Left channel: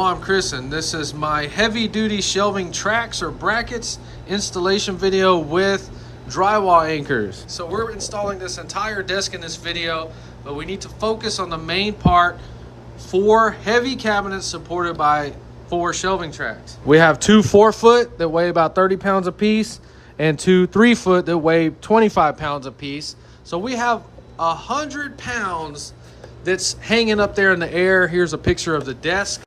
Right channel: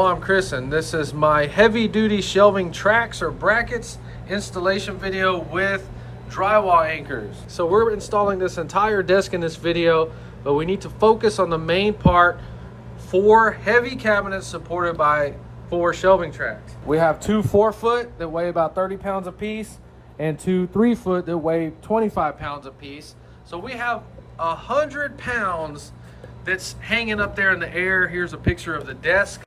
Hello, I'm Chris, and this is my heavy duty shelving tracks or brackets installation video with drywall anchors. So we're installing this entire desk in this video, but we need to focus on the main part: 4 heavy cabinets supported by 4 shelving tracks. We have 2 4-foot that weigh about 30 pounds a piece and 2 3-foot that weigh 25 pounds a piece. So we have 100 pounds that's hanging up there in the air. Here's a picture of the desk.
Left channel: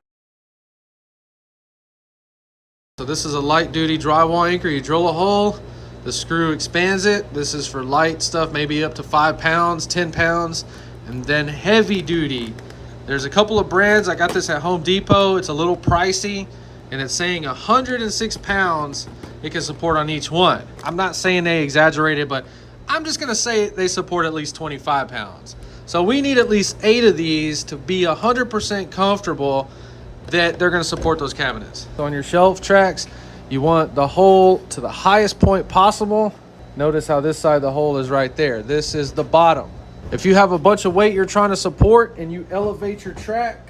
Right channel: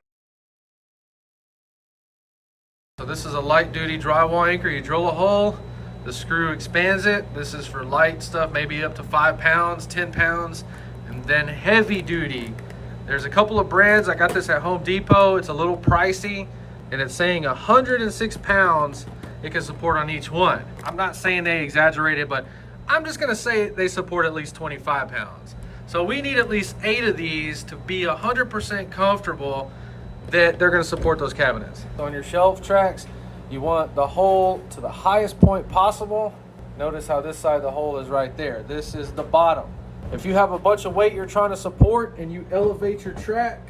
So this is a light duty drywall anchor. You drill a hole, the screw expands it. This is for light stuff, maybe up to 5 pounds, 10 pounds. And then heavy duty. There's a couple of brands. I got this at Home Depot. It's a little pricey, and it's saying 106 pounds it can support on each one. I'm not saying they exaggerated, but I'm just gonna say they support at least 25 pounds. So we need at least 8 of these to be 100% comfortable that they're gonna support those cabinets. So on your shelf tracks, you want the hole to the highest point possible. Notice how this side of the hole is right there. This is the bottom. If you have a bunch of weight you're trying to support and you elevate your track,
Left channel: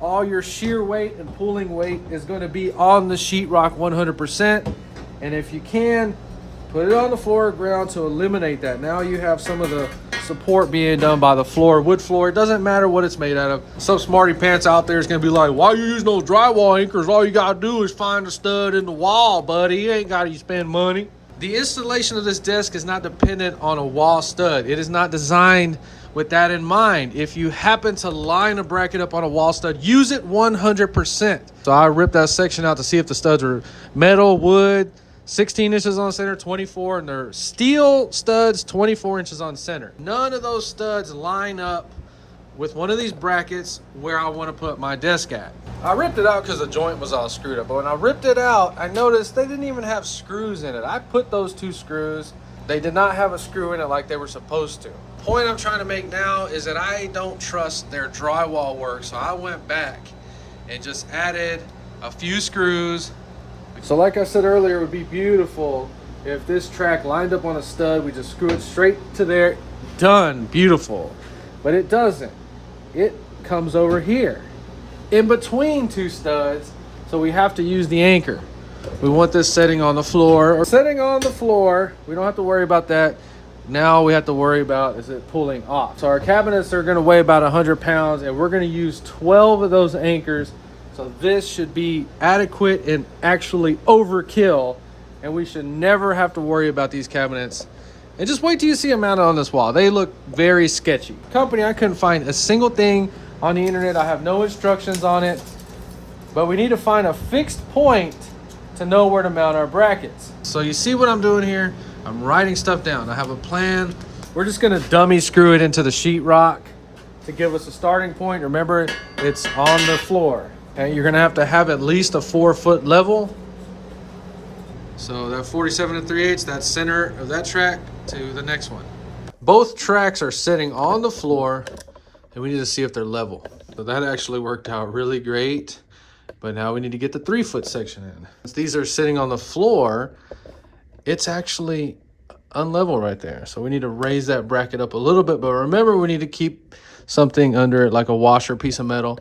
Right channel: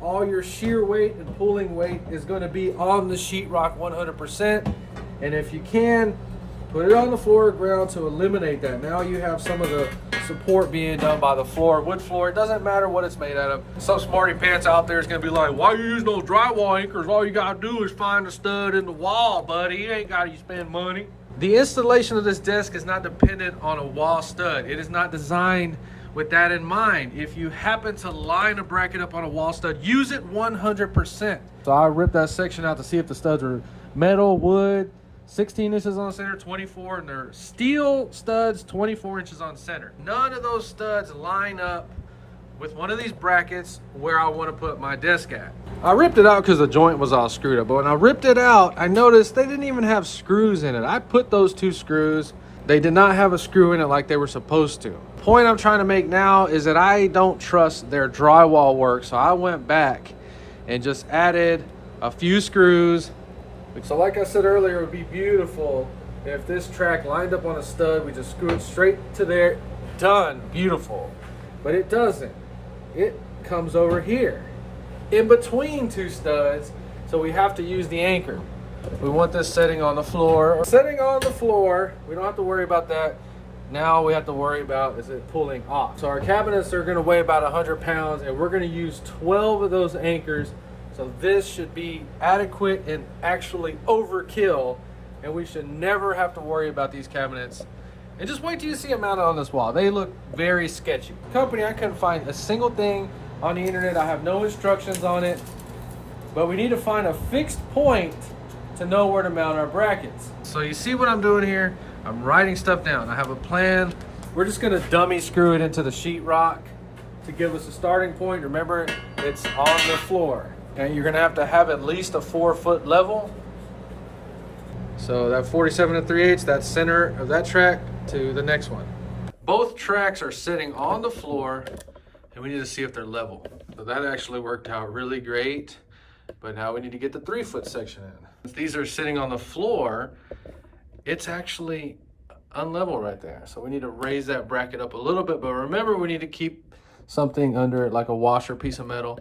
all your shear weight and pulling weight is gonna be on the sheetrock 100%. And if you can, put it on the floor or ground to eliminate that. Now you have some of the support being done by the floor, wood floor. It doesn't matter what it's made out of. Some smarty pants out there is gonna be like, why are you using those drywall anchors? All you gotta do is find a stud in the wall, buddy. You ain't gotta spend money. The installation of this desk is not dependent on a wall stud. It is not designed with that in mind. If you happen to line a bracket up on a wall stud, use it 100%. So I ripped that section out to see if the studs were metal, wood, 16 inches on center, 24, and they're steel studs, 24 inches on center. None of those studs line up with one of these brackets where I want to put my desk at. I ripped it out because the joint was all screwed up, but when I ripped it out, I noticed they didn't even have screws in it. I put those 2 screws. They did not have a screw in it like they were supposed to. The point I'm trying to make now is that I don't trust their drywall work, so I went back and just added a few screws. So like I said earlier, it would be beautiful if this track lined up on a stud. We just screw it straight to there, done, beautiful. But it doesn't. It comes over here in between 2 studs, so we have to use the anchor. We want this setting on the floor. Setting on the floor, we don't have to worry about that. Now we have to worry about, is it pulling off? So our cabinets are gonna weigh about 100 pounds, and we're gonna use 12 of those anchors. So this should be adequate and actually overkill, and we should never have to worry about these cabinets. And just wait till you see them mounted on this wall. They look very sketchy. Company, I couldn't find a single thing on the internet. I have no instructions on it, but we need to find a fixed point to know where to mount our brackets. So you see what I'm doing here? I'm writing stuff down. I have a plan. We're just gonna dummy screw it into the sheetrock to give us a starting point. Remember, it's on the floor. Okay, you're gonna have to have at least a 4-foot level. So that 47 3/8, that center of that track to the next one. Both tracks are sitting on the floor, and we need to see if they're level. So that actually worked out really great, but now we need to get the 3-foot section in. Since these are sitting on the floor, it's actually unlevel right there. So we need to raise that bracket up a little bit, but remember, we need to keep something under it, like a washer, piece of metal,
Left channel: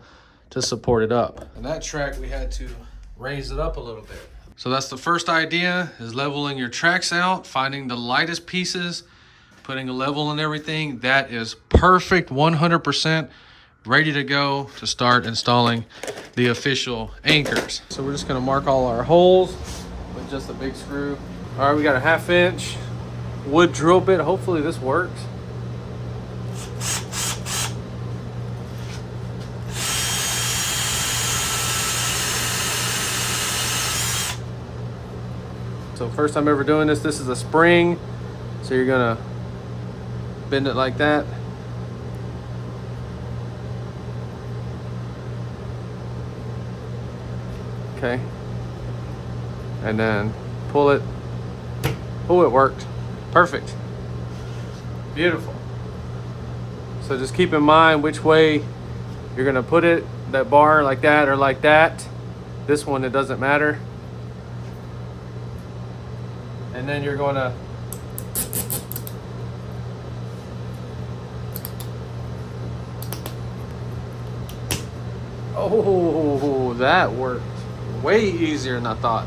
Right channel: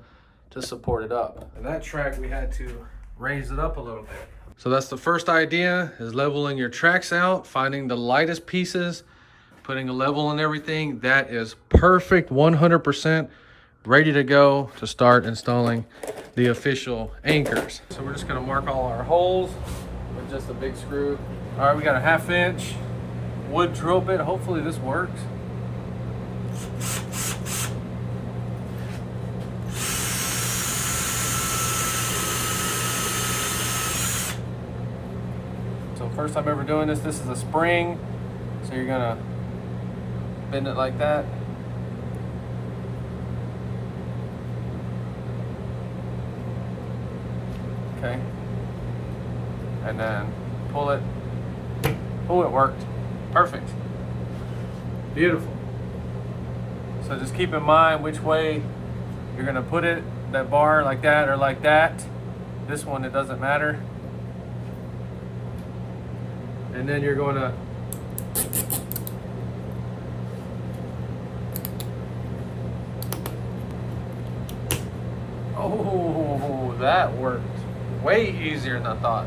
to support it up. And that track, we had to raise it up a little bit. So that's the first idea, is leveling your tracks out, finding the lightest pieces, putting a level in everything. That is perfect, 100%, ready to go to start installing the official anchors. So we're just gonna mark all our holes with just a big screw. All right, we got a 1/2 inch wood drill bit. Hopefully this works. So first time ever doing this. This is a spring, so you're gonna bend it like that. Okay, and then pull it. Oh, it worked. Perfect. Beautiful. So just keep in mind which way you're gonna put it, that bar like that or like that. This one, it doesn't matter. And then you're gonna Oh, that worked way easier than I thought.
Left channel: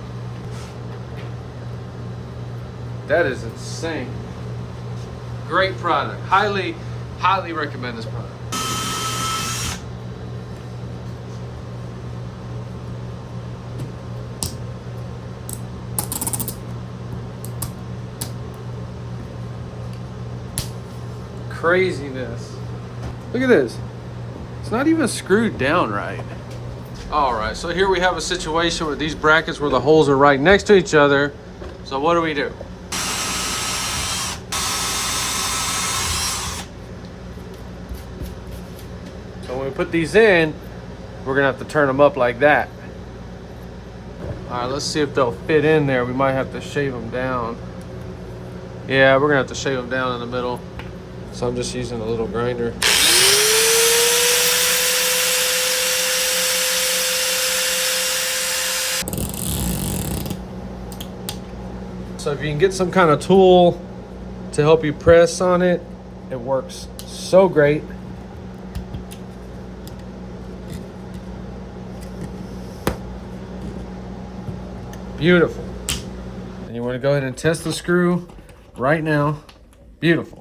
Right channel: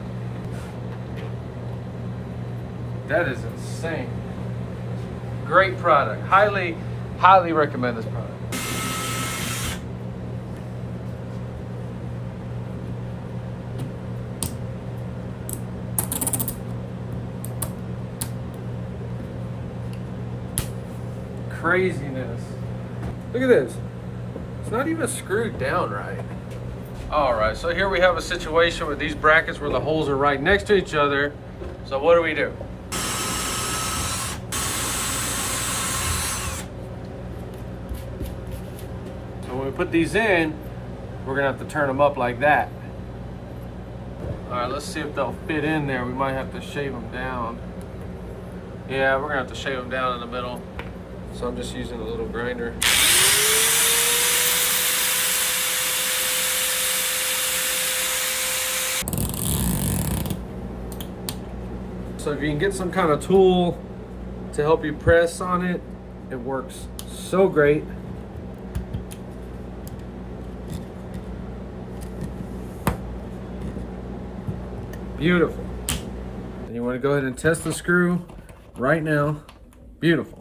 That is insane. Great product. Highly, highly recommend this product. Craziness. Look at this. It's not even screwed down right. All right, so here we have a situation with these brackets where the holes are right next to each other. So what do we do? So when we put these in, we're gonna have to turn them up like that. All right, let's see if they'll fit in there. We might have to shave them down. Yeah, we're gonna have to shave them down in the middle. So I'm just using a little grinder. So if you can get some kind of tool to help you press on it, it works so great. Beautiful. And you want to go ahead and test the screw right now. Beautiful.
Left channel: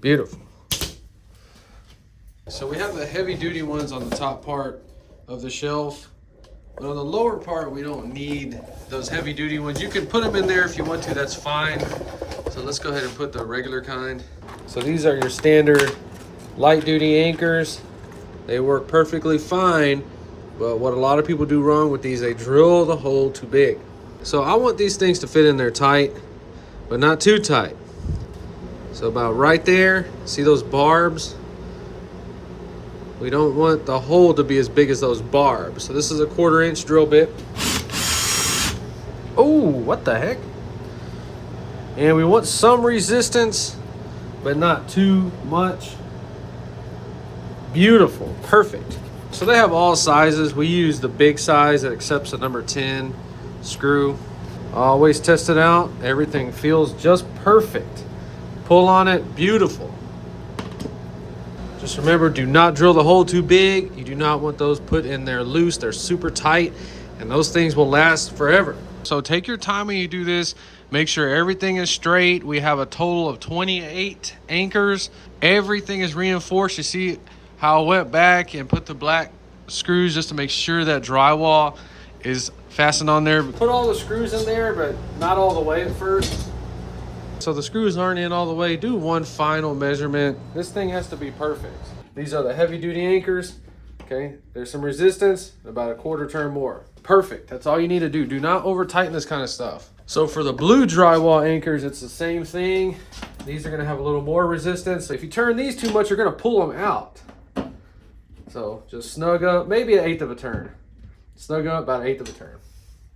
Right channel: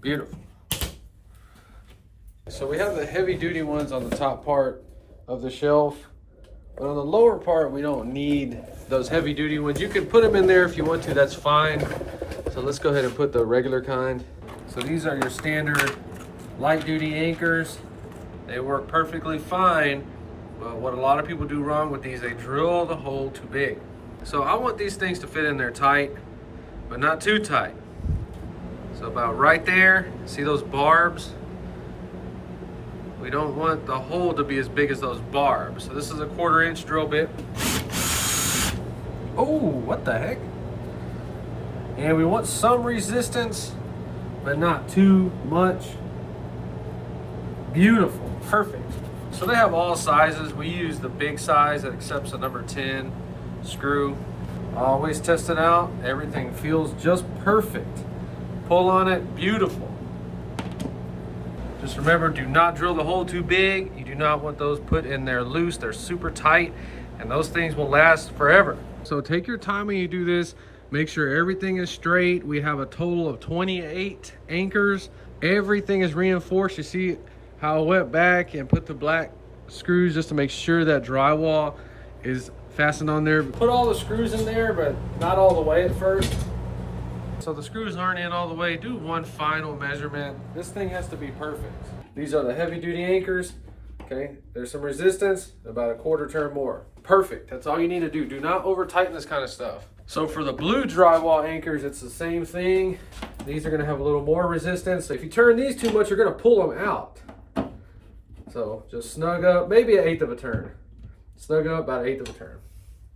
Beautiful. So we have the heavy duty ones on the top part of the shelf, but on the lower part we don't need those heavy duty ones. You can put them in there if you want to, that's fine. So let's go ahead and put the regular kind. So these are your standard light duty anchors. They work perfectly fine, but what a lot of people do wrong with these, they drill the hole too big. So I want these things to fit in there tight, but not too tight. So about right there, see those barbs? We don't want the hole to be as big as those barbs. So this is a 1/4 inch drill bit. Oh, what the heck? And we want some resistance, but not too much. Beautiful, perfect. So they have all sizes. We use the big size that accepts the number 10 screw. Always test it out. Everything feels just perfect. Pull on it, beautiful. Just remember, do not drill the hole too big. You do not want those put in there loose. They're super tight, and those things will last forever. So take your time when you do this. Make sure everything is straight. We have a total of 28 anchors. Everything is reinforced. You see how I went back and put the black screws just to make sure that drywall is fastened on there. Put all the screws in there, but not all the way at first. So the screws aren't in all the way. Do one final measurement. This thing has to be perfect. These are the heavy duty anchors. Okay, there's some resistance, about a 1/4 turn more. Perfect, that's all you need to do. Do not over tighten this kind of stuff. So for the blue drywall anchors, it's the same thing. These are gonna have a little more resistance. So if you turn these too much, you're gonna pull them out. So just snug up, maybe 1/8 of a turn. Snug up about 1/8 of a turn.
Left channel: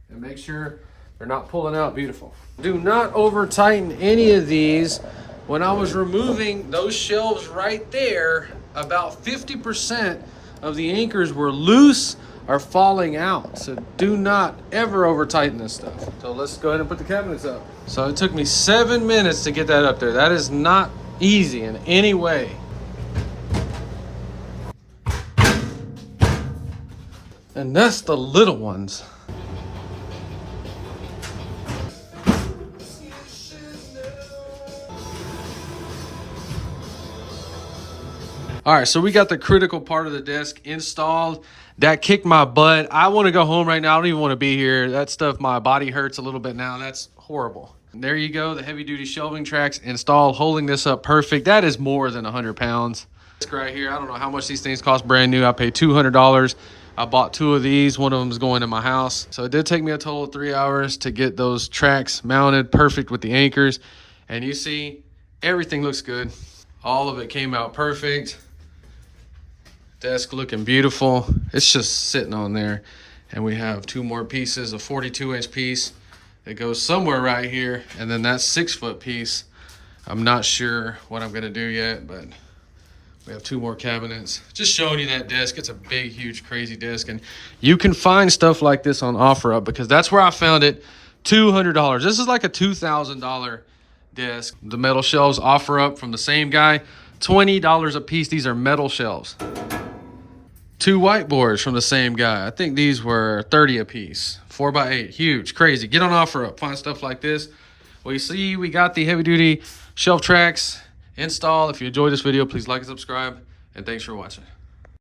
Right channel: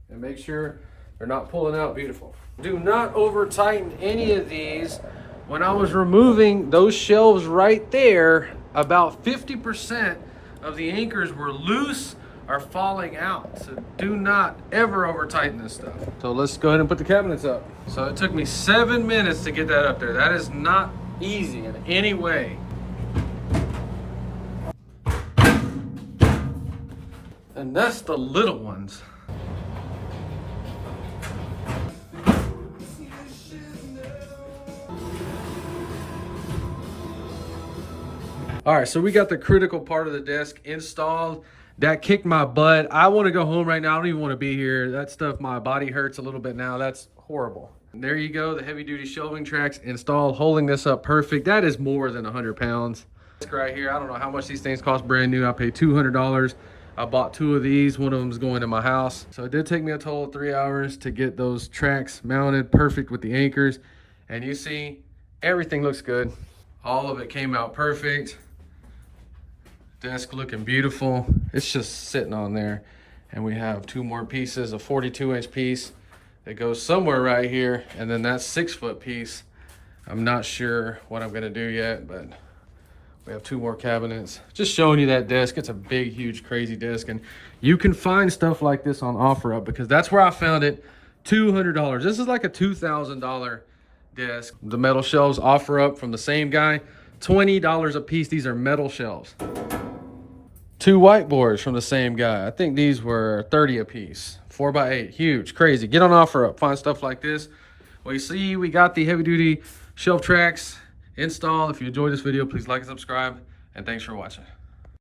And make sure they're not pulling out. Beautiful. Do not over tighten any of these. When I was removing those shelves right there, about 50% of the anchors were loose or falling out. So do not ever over tighten this stuff. So let's go ahead and put the cabinets up. So it took me 7 minutes to get that up there. That is not easy in any way. And that's the little ones. All right, so we got the critical part of the desk installed. That kicked my butt. I want to go home right now. I don't even want to be here. That stuff, my body hurts a little bit now. That's horrible. And there you go, the heavy duty shelving tracks installed, holding this up perfect. That is more than 100 pounds. This right here, I don't know how much these things cost brand new. I paid $200. I bought 2 of these. One of them is going in my house. So it did take me a total of 3 hours to get those tracks mounted perfect with the anchors. And you see, everything looks good. All of it came out perfect. Desk looking beautiful. It's just sitting on there. And we have 2 more pieces, a 42-inch piece that goes somewhere right here. And then that 6-foot piece, I'm not sure what I'm gonna do yet, but we have 2 more cabinets. Just showing you that desk. It's a big, huge, crazy desk. And you can find stuff like this on OfferUp because that's where I found it, $200. This is like a $2,000 desk. The metal shelves offer up from the same guy, $20 a piece. These are metal shelves. 2 whiteboards from the same guy. I think these were 30 a piece. 4x8, huge, crazy. Get on offer up, find stuff like this. Well, you see, we got the heavy duty shelf tracks installed. If you enjoyed this video, please like and subscribe, and thanks for watching.